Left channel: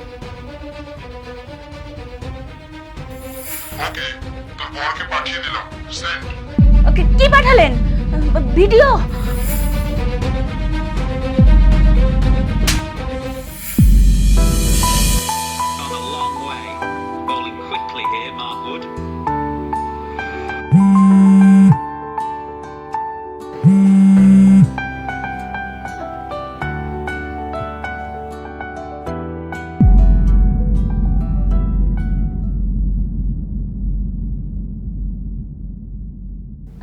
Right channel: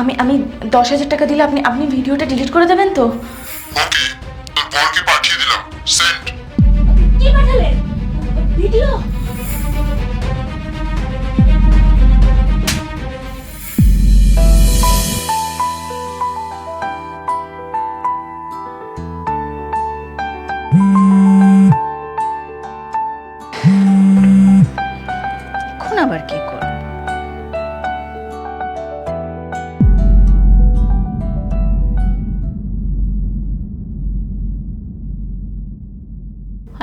আমি আমি দশ হাজার টাকা দিলে আপনি আপনি ভিডিওটা ডিলিট করে দেবেন তো? ওকে কি পাঠালেন? ভিডিও। Come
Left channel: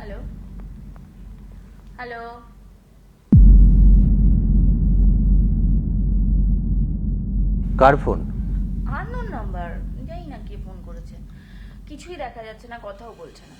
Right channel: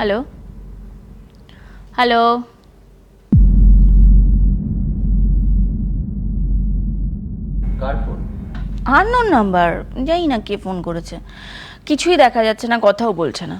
হ্যালো হ্যালো কার ফোন? Unknown number. জানি না কে ফোন করেছে। কিছুই দেখা যাচ্ছে না কথাও বলছে না।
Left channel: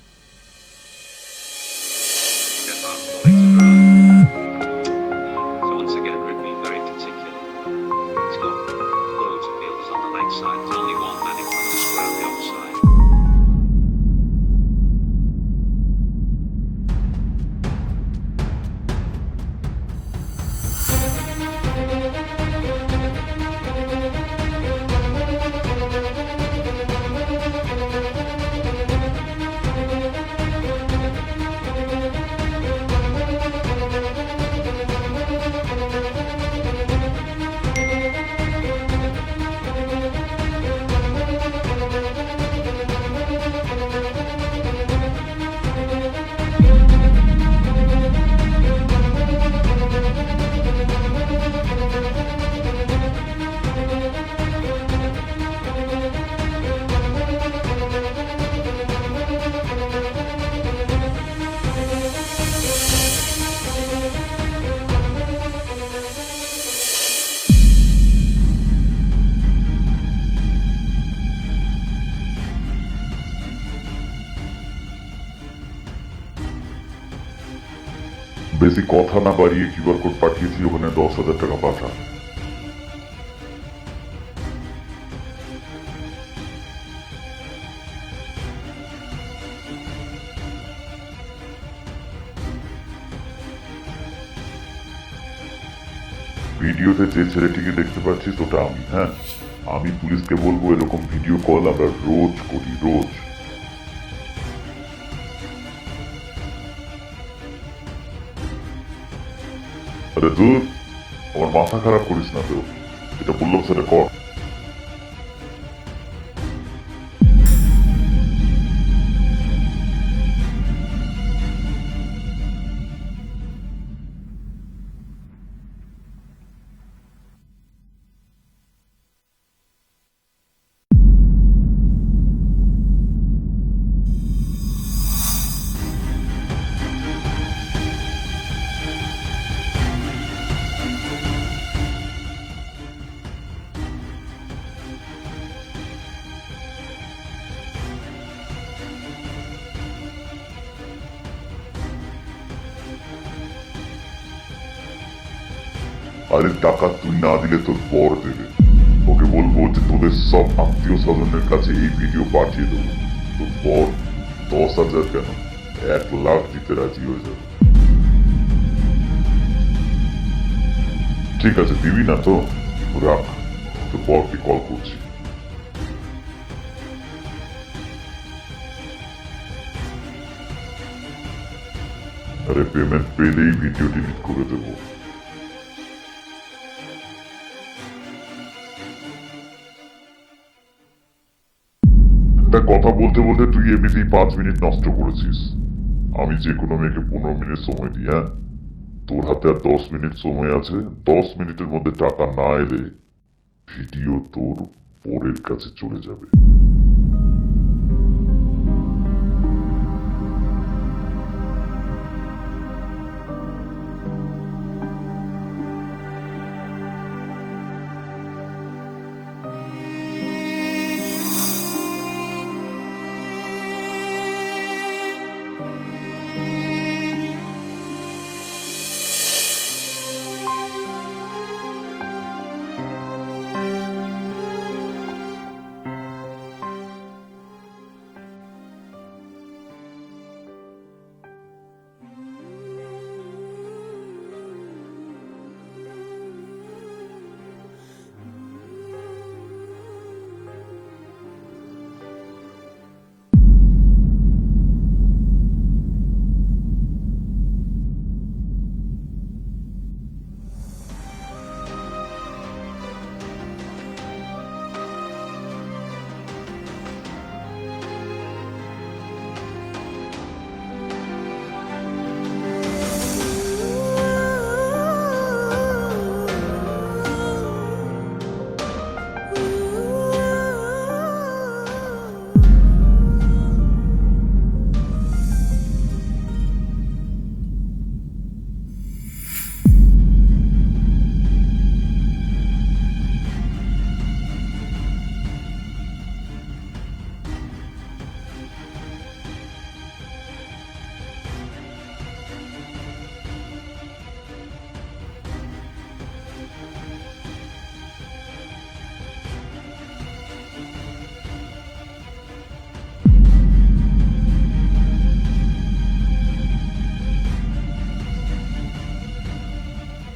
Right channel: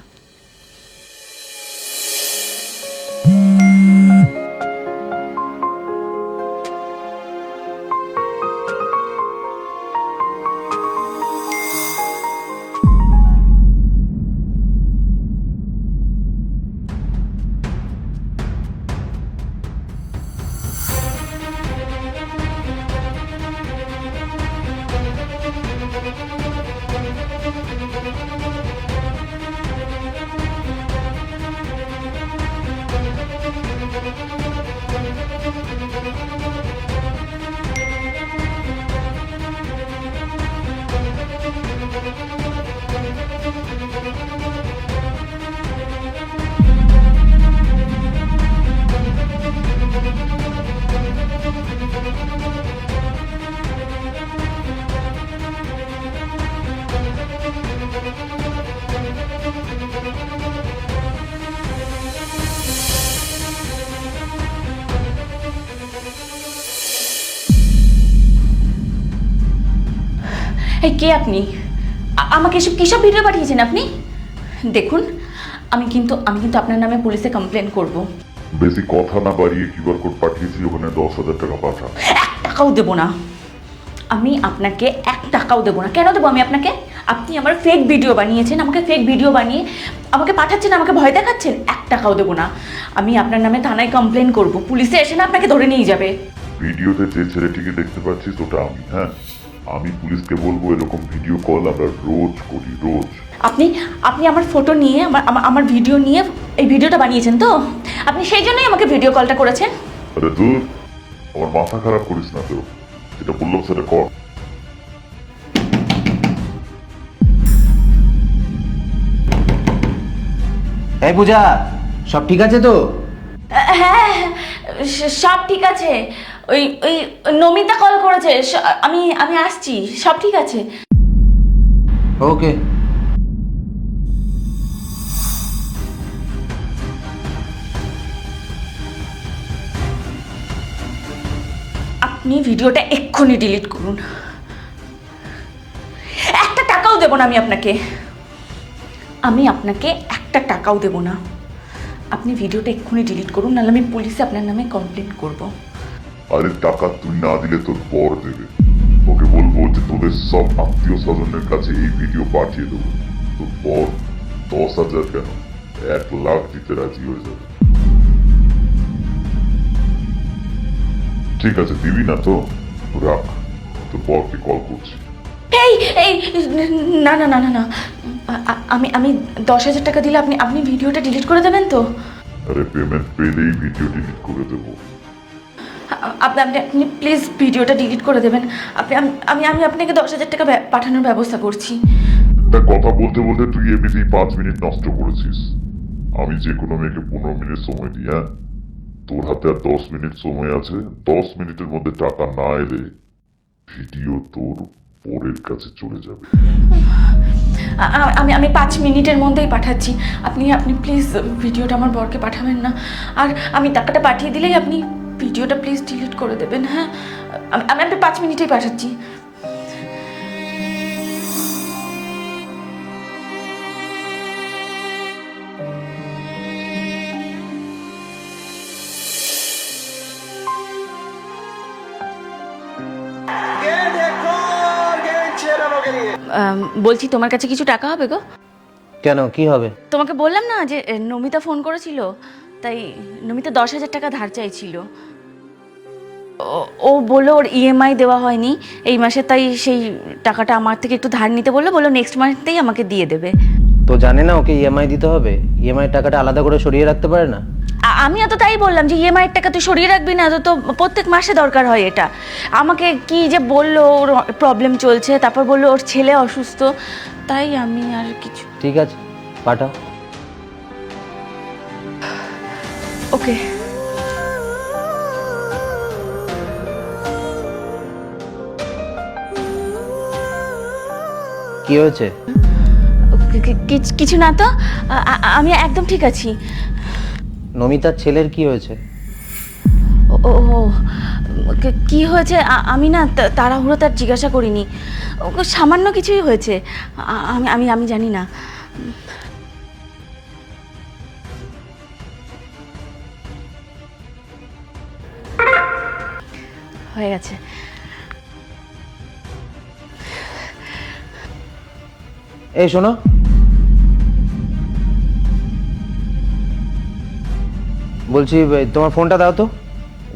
এই কে আপনি? আমাকে এসব কিসব ভিডিও পাঠিয়েছেন আপনি? দেখুন আমি কিন্তু আমি কিন্তু আপনার নামে পুলিশে কমপ্লেন করব। বেশি কথা না বাড়িয়ে কিউআর কোড পাঠিয়েছি ওখানে দশ হাজার টাকা পাঠা। এক টাকাও দেবো না। আমি আপনাকে এক টাকাও দেবো না। কেন দেবো আমি আপনাকে? আপনি আমার ফেক ভিডিও বানিয়েছেন আমাকে ফেক ভিডিও বানিয়ে আমাকে পাঠাচ্ছেন আমাকে ভয় দেখাচ্ছেন এক টাকাও দেবো না। আমি আপনার নামে থানায় কমপ্লেন করব। পুলিশে এসে না আপনাকে ধরে নিয়ে যাবে। ভিডিওতে যে ছেলেটিকে দেখতে পাচ্ছিস ওটা আমি হ্যাঁ? আমি পুলিশকে বলব এরকম ভিডিও কল আমরা রোজ করি রোজ। আপনি আপনি আমার ফটো নিয়ে আমার আমার- আমার ভিডিও নিয়ে এই ভিডিওটা বানিয়েছেন তো? আপনি সেই জন্যই আমাকে ভিডিও কলটা করেছেন। আরে দূর আমার মাথা খারাপ করিস না তো। যেটা বললাম সেটা কর। এই পূজা সব ঠিক আছে তো? হ্যাঁ সব ঠিক আছে। ওই ওই নমিতা কল করেছে আমি আমি আসছি সব ঠিক আছে। ওকে আপনি ভিডিওটা এক্ষুনি ডিলিট করুন। একটা টাকাও দেবো না আমি আপনাকে। আমি আপনাকে একটা টাকাও দেবো না। আপনি ভিডিওটা এক্ষুনি ডিলিট করুন নাহলে আমি পুলিশে আপনার নামে কমপ্লেন করব। আরে টাকা তুই না দিলে তোর বর দেবে। ওকে বলব যে তোদের সব আত্মীয় স্বজনের কাছে এই ভিডিও পাঠিয়ে দেবো। তোর বর দশ হাজার কেন? এক লাখ দিতে রাজি হয়ে যাবে। ঠিক আছে দিবি না তো? রাখ তোর বরকে কল করছি। এই এই না না না না না। আমি আমি দশ হাজার টাকা দিলে আপনি আপনি ভিডিওটা ডিলিট করে দেবেন তো? আরে পেমেন্ট পেলেই ভিডিও ডিলিট করে দেবো। আপনি আপনি আপনি প্লিজ ভিডিওটা ডিলিট করে দেবেন। আপনি আম- আমি আমি আপনাকে দশ হাজার টাকা পাঠানোর ব্যবস্থা করছি। তা কথা বলতে বলতে তুই এমনিতেই পাঁচ মিনিট নষ্ট করেছিস। আমি যে কোনো মেয়েকে পনেরো মিনিট সময় দিই হ্যাঁ? তোর হাতে আর দশ মিনিট সময় আছে। দশ মিনিটের মধ্যে টাকা না এলে ভিডিও তোর পরের কাছে চলে যাবে। আমি আমি পাঁচ মিনিটের মধ্যেই পাঠাচ্ছি। আপনি আপনি প্লিজ ভিডিওটা আমার বরকে পাঠাবেন না। আর আমি টাকাটা পাঠিয়ে দিলেই আপনি ভিডিওটা প্লিজ ডিলিট করে দেবেন হ্যাঁ? আমি আমি আপনি পাঁচ মিনিটেই পাঠাচ্ছি। বলছি তোমার কাছে কিছু টাকা হবে গো? কেন? কি হবে? তোমাকে বললাম না যে নমিতা ফোন করেছিল। তাই নমিতা দশ হাজার টাকা ধার চাইছিল। ও- বলল ওর ইএমআই দেওয়া হয়নি এই মাসে তাই সেই টাকাটা আমার থেকে একটু ধার নিতে বলল বলল নেক্সট মান্থেই আমাকে দিয়ে দেবে। তো জানে না ওকে ইএমআই দিতে হবে? ইএমআই টাকাটা আলাদা করে সরিয়ে রাখতে পারে না? আমি তো তাই বললাম যে ইএমআই টাকা তুই সরিয়ে রাখবি না তো প্রত্যেক মাসে দরকার হয় এটা। আমাকে কি যে বলল ওর প্রবলেম চলছে তারপর বলল ওর ছেলে অসুস্থ তাই আমি আর কিছু ঠিক আছে পাঠাও। ওকে কি হয়েছে? কিছু না তো। আমি একদম ঠিক আছি। নমিতার ছেলের কি হয়েছে? ও কি- কি হয়েছে? আমি না তাড়াহুড়ো তার জিজ্ঞাসা করিনি। সামান্য কিছুই হয়েছে। আমি আমি আমি জানি না। হয়ে গেছে। এই শোনো। বলছি তোমার ফোনটা দাও তো।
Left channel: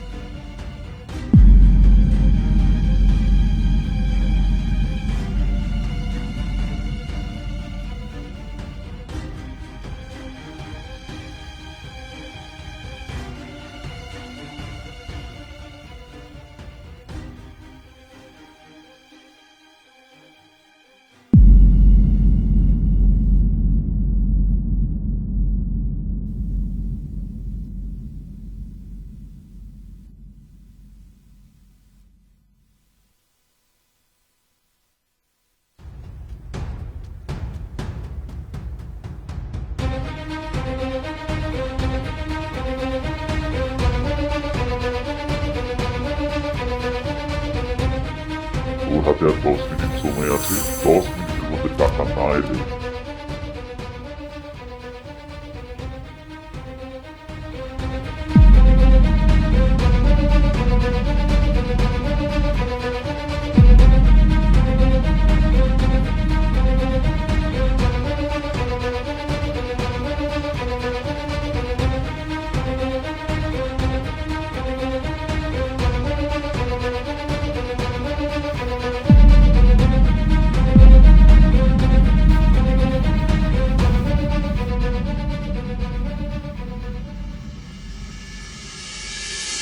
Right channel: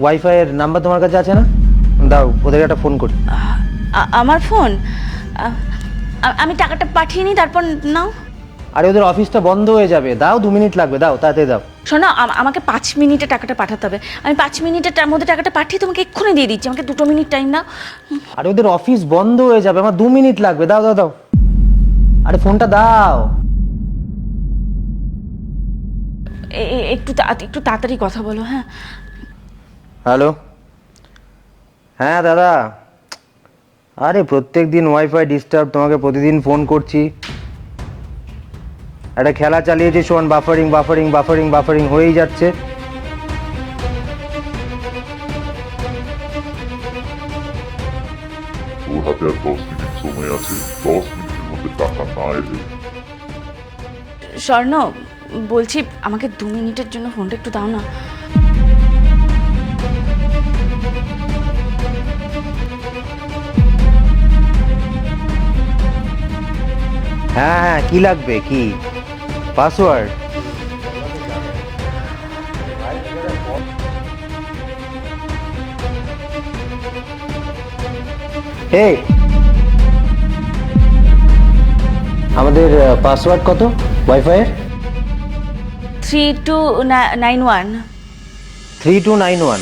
ওয়াইফাই এর নাম্বার তোমার কাছে আছে না? দাও ওদের একটা ফোন করি। আমার ফোন আমি টাকাটা পাঠিয়ে নিই তারপর নাও। আরে ওদের অফিসটা বন্ধ হয়ে যাবে। দাও দু মিনিট লাগবে দাও তাতে দাও। শোনো আম- আমাকে পাঁচ মিনিটে টাকাটা পাঠাতে হবে। আমি পাঁচ মিনিটের টা- মধ্যে টাকাটা পাঠিয়ে তোমাকে এক্ষুনি দিয়ে দিচ্ছি। আমাকে দুটো মিনিট টাইম দাও। আরে ওদের অফিস বন্ধ হয়ে যাবে আমার দু মিনিট লাগবে। দাও দাও দাও। আরে ফোনটা দাও। এ- এ- একটু তা- একটু তাড়াতাড়ি কথা বলো হ্যাঁ। হ্যালো হ্যাঁ দাদা। আরে প্রত্যেক দিন ওয়াইফাই ডিস্টার্ব তোমাকে প্রতিদিন ফোন করছি। একটা খেলা চালিয়েছি শোন বাফারিং বাফারিং বাফারিং বাফারিং হয়েই যাচ্ছে। তোর হাতে আর দশ মিনিট সময় আছে দশ মিনিটের মধ্যে টাকা না এলে। স্বর্ণ বলছি আমাকে দু মিনিটের জন্য ফোনটা একটু দাও না। হ্যাঁ হ্যাঁ কি লাগবে কি? পাসওয়ার্ড। এই। আমাদের পাসওয়ার্ড কত? Wifi three two nine one three two nine one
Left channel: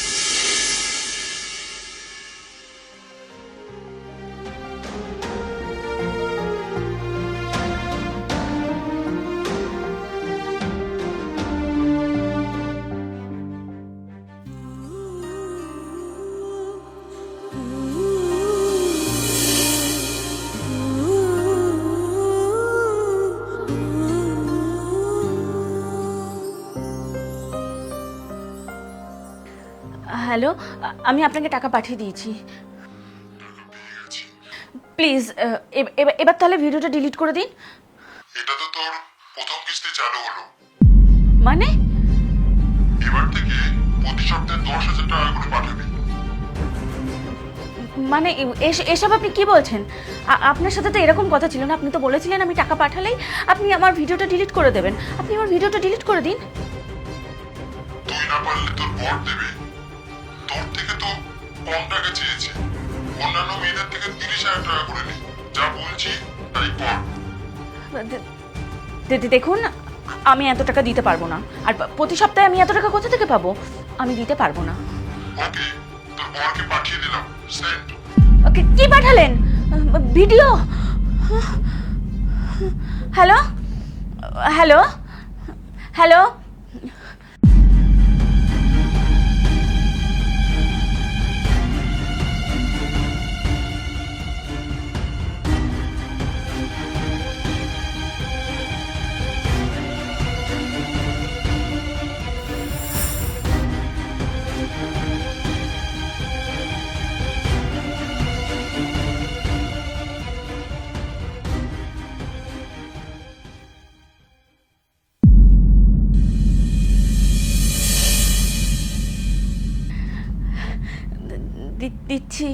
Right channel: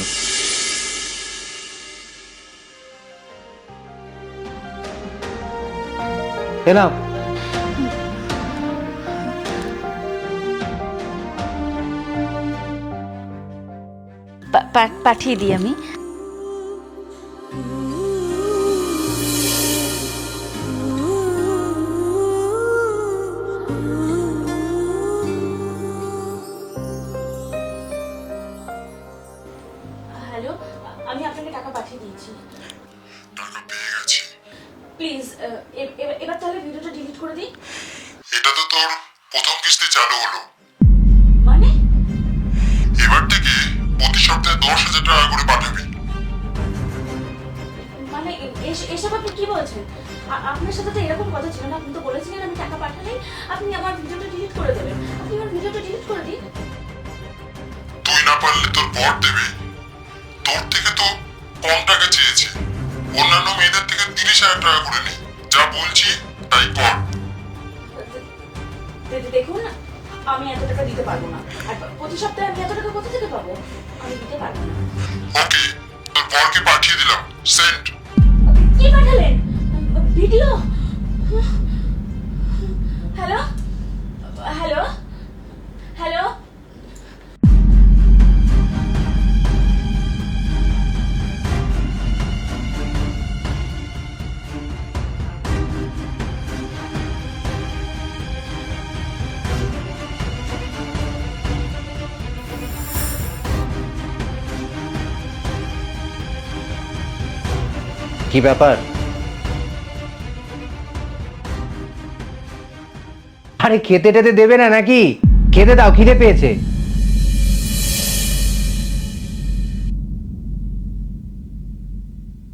এলাম। পাঠিয়ে দিই আমি। হ্যালো আমি আপনাকে টাকা পাঠিয়ে দিয়েছি। প্লিজ এবার তাহলে ভিডিওটা ডিলিট করে দিন। এটা তো তোর প্রথম কিস্তি চালু হলো। মানে? এবার প্রতি সপ্তাহে দশ হাজার টাকা করে পাঠাবি মানে এস- এসব আপনি কি বলছেন? আপনার সাথে তো এরকম কথা ছিল না। আপনি তো বলেছিলেন আমি টাকা পাঠালেই আপনি আমার ভিডিওটা ডিলিট করে দেবেন। আপনি আমার ভিডিওটা ডিলিট করে দিন। তুই না পারলে তোর বর দেবে। তোর থেকে তো কম টাকা চেয়েছে। অন্যান্য মেয়েদের থেকে তিরিশ হাজার টাকা করে নে। যা বলছি তাই কর। দেখুন আমি এত টাকা দিতে পারব না। আর প্রতি সপ্তাহে আমি এত টাকা কোথা থেকে পাবো? আমি দিতে পারব না। পাঠিয়ে দিলাম। সেন্ড ওকে কি পাঠালেন? ভিডিও? হ্যালো? হ্যালো? হ্যালো? ব্যাপার। আরে খেতে টেতে দেবে না নাকি? খেতে দাও খিদে পেয়েছে। দি- দিচ্ছি।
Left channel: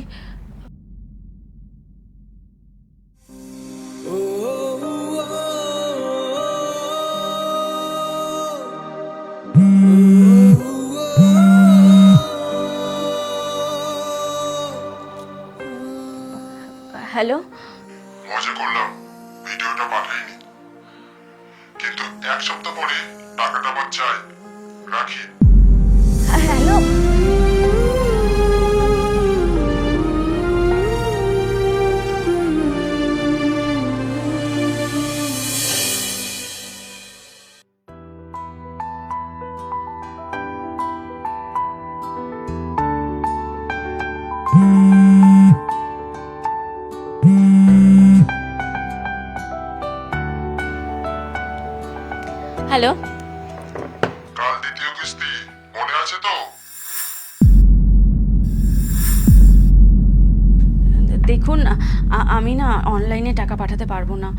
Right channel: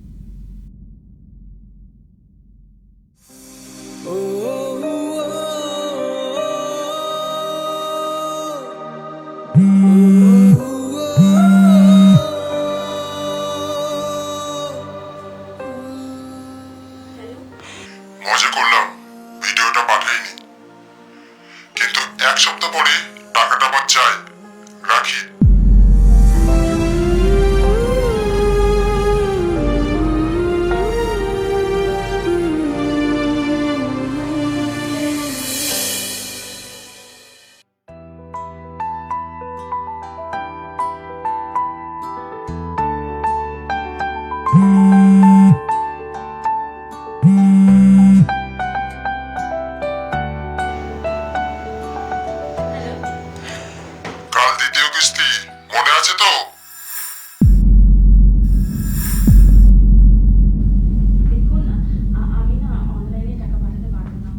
টাকা পাঠাতে পারব না।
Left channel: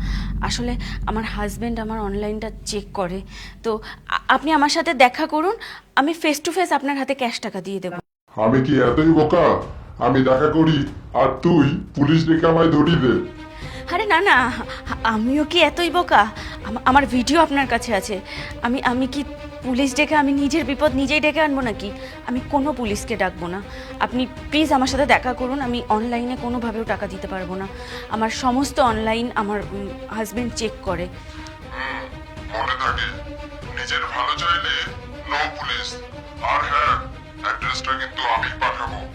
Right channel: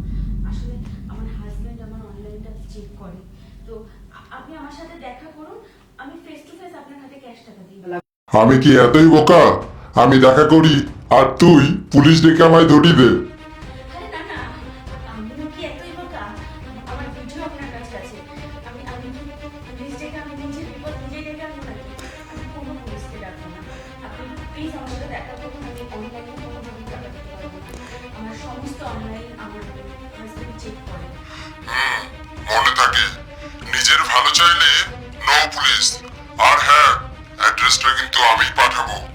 আসলে আমার হাজব্যান্ড আমার অনলাইনটা চেক করে। তো আপনি আমার সাথে দেখা করুন আমি ফেস টু ফেস আপনার হাতে ক্যাশ টাকা দিয়ে দেবো। আমি কি এতই বোকা? আমি দেখা করি আর তুই পুলিশ ডেকে আমায় ধরিয়ে দে আরে না না আমিও কি এতই বোকা? আম- আমার ভিডিও আপনার কাছে আছে। আমি আমি কি পুলিশ ডেকে আমি নিজের বিপদ নিজেই ডেকে আনব নাকি? আমি কোনো পুলিশকে ডাকবো না। আপনি প্লিজ আমার সাথে দেখা করুন, আমি অনলাইনে কোনোভাবেও টাকা দিতে পারব না। আমার সমস্ত অনলাইন আমার হাজব্যান্ড চেক করে। নিজের ভালো চাইলে নো পুলিশ আর হ্যাঁ অ্যাড্রেসটা কিন্তু আমি পাঠাবো।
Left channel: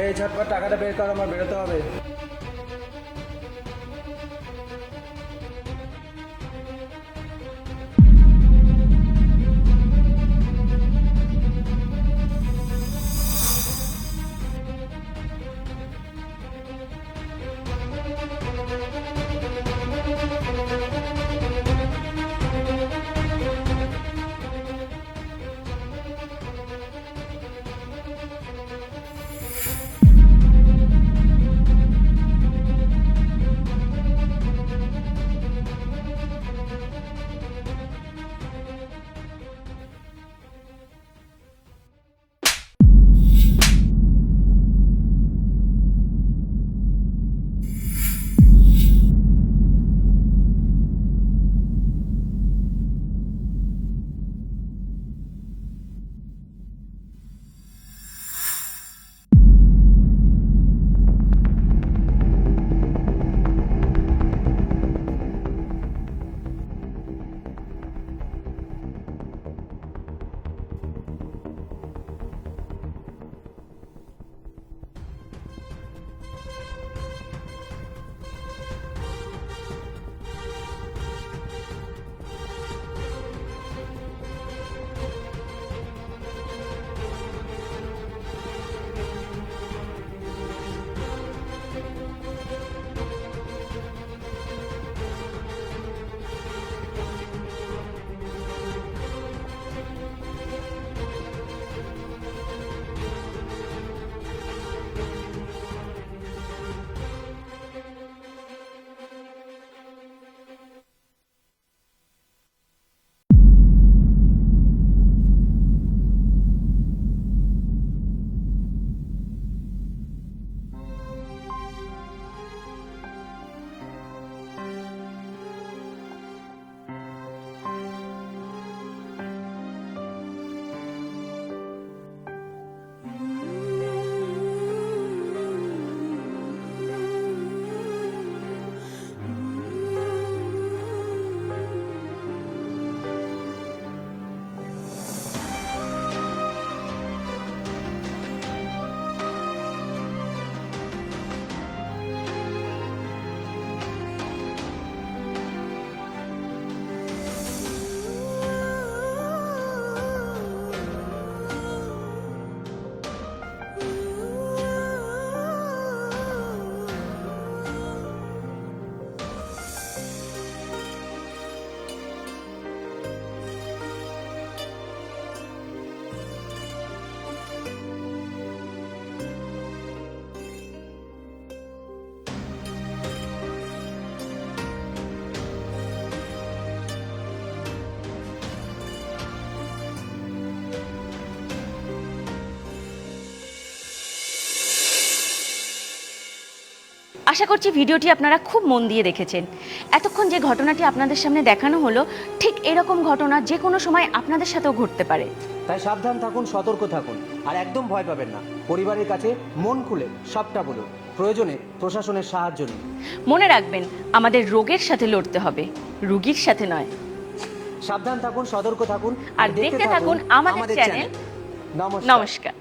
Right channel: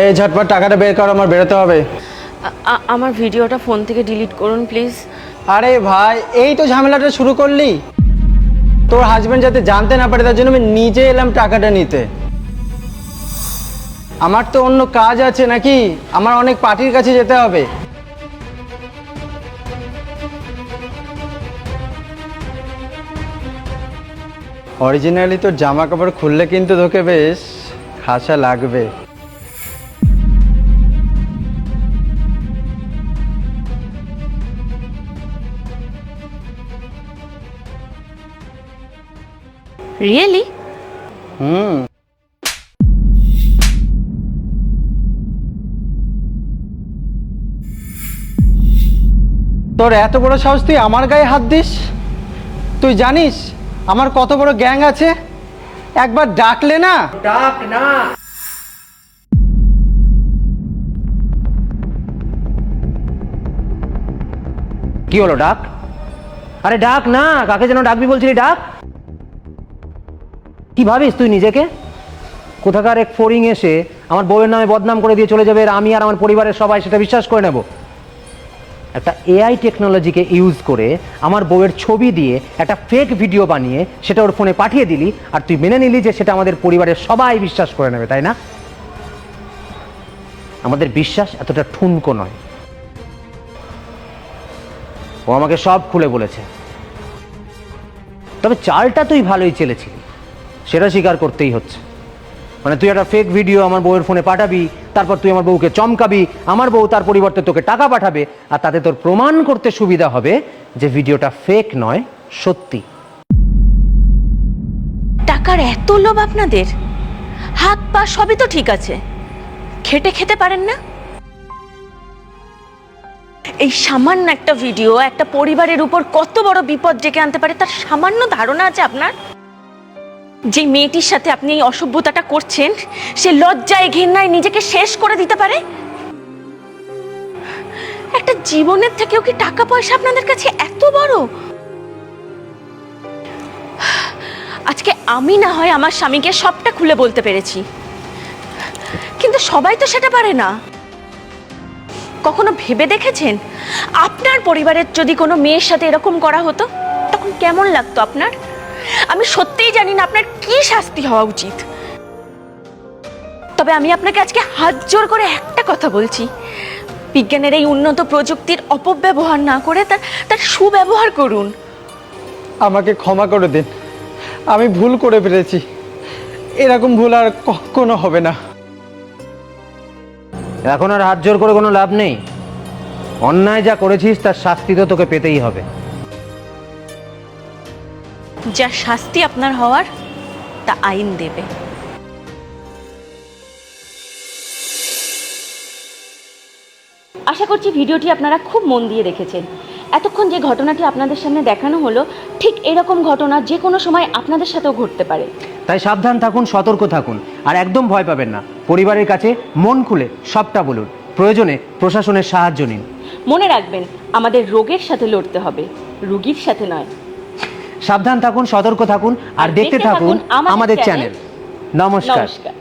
এই ঝটপট টাকাটা বের করো আমার বেরোতে হবে। আমার ভিডিওটা ফোন থেকে ডিলিট করুন প্লিজ। আরে ভাই এই তো ঝামেলাটা শুরু করলি। তোর হাজবেন্ড যাতে জানতে না পারে তার জন্য আমি নিজে এলাম টাকাটা নিতে। আমার তো অন্য কাজ আছে নাকি? আমার অনেক পার্টির কাছে যেতে হবে। অরিজিনালি তোর জামা কাপড় খুললে কিন্তু তোকে বেশ খাসা লাগবে। রিয়েলি হুম তোর এত বড় সাহস তুই আমার গায়ে হাত দিস? তুই জানিস আমার কত বড় গ্যাং আছে? একবার ডাকলে না? ডাক না। কি হলো ডাক? আরে ডাক না কাকে যেন ডাকবি বলছিলি ডাক? কি ভাবিস তুই নিজেকে? কোথাকার এক ফোরিং এসে আমার বউয়ের নামে বদনাম করে দিয়ে চলে যাবে আর আমি আর আমার পরিবারের সবাই সেটা বিশ্বাস করে নেব। একটা এআই টেকনোলজিকে ইউজ করে আমার বউয়ের ছবি দিয়ে একটা ফেক ভিডিও বানিয়ে সেটা ওর ফোনে পাঠিয়ে দিলি আর তুই মেনে নিলি যে সেটা আমাদের পরিবারের সবাই বিশ্বাস করে নেবে, তাই না? আমাদের বিশ্বাস এতটা ঠুনকো নয়। ও আমাকে সব খুলে বলেছে। তবে চালটা তুই ভালোই চেলেছিলি সেটা স্বীকার করতেই হচ্ছে। মানে তুই একটা ফেক ভিডিও আমার বউয়ের ফোনে পাঠাবি, তারপর তুই আমার বউকে চমকাবি, আমার বউ তার পরিবর্তে তোকে টাকা পাঠাবে, আর তাতে তোর প্রমাণ করতে সুবিধা হবে যে ভিডিওটা ফেক নয়, সত্যি। টাকার এত লোভ আপনাদের? হাত পা সবই তো ঠিক আছে। খেটে খেতে পারেন না? এই সামান্য একটা ভিডিও একটা পরিবারের উপর কত বড় বিপদ ডেকে আনতে পারে, তার সামান্য ধারণা আছে আপনার? যে মেয়েটির সাথে আপনি এই অসভ্যতাটা করছেন, সে লজ্জায় ঘেন্নায় নিজেকে শেষ করে দিতে পারে? একটা জীবনের থেকেও কি টাকা পয়সা আপনাদের কাছে এত বড়? আজকে আমি না হয় আমার স্বামীকে সবটা খুলে বলতে পেরেছি। কিন্তু সবাই তো সেটা পারে না। কখনো ভেবে দেখেছেন? আপনার পরিবারের যদি কোনো মেয়ের সাথে এরকম করা হতো, তখন কেমন লাগতো আপনার? আমি সত্যিই জানি না আপনার কি শাস্তি হওয়া উচিত। তবে আমি আপনাকে আজকে হাত জোর করে একটা কথা বলছি। বিজ্ঞানের এই উন্নত প্রযুক্তির অপব্যবহার না করে তার তার সুব্যবহার করুন। আমাকে ক্ষমা করে দিন। আমি ভুল করে ফেলেছি। এরকম ভুল আর কখনো হবে না। এখন আর হাত জোর করে কোনো লাভ নেই। অন্যায় যা করেছিস তার শাস্তি তো তোকে পেতেই হবে। যা শাস্তি আপনার হওয়ার তা আইন দেবে। আশা করছি ভিডিওটি আপনারা খুব মন দিয়ে দেখেছেন। এতক্ষণ যে ঘটনাটি আপনাদের সামনে দেখানো হলো ঠিক এরকম ঘটনা যে কোনো সময় আপনাদের সাথেও ঘটতে পারে। তাই সাবধান থাকুন সতর্ক থাকুন আর একদম ভয় পাবেন না। পরিবারের কাছে মন খুলে সবটা বলুন। প্রয়োজনে প্রশাসনের সাহায্য নিন। মনে রাখবেন আমাদের রোগের সাথে লড়তে হবে রুগীর সাথে নয়। সাবধান থাকুন সতর্ক থাকুন আর দেখতে থাকুন আমাদের চ্যানেল নমস্কার। নমস্কার।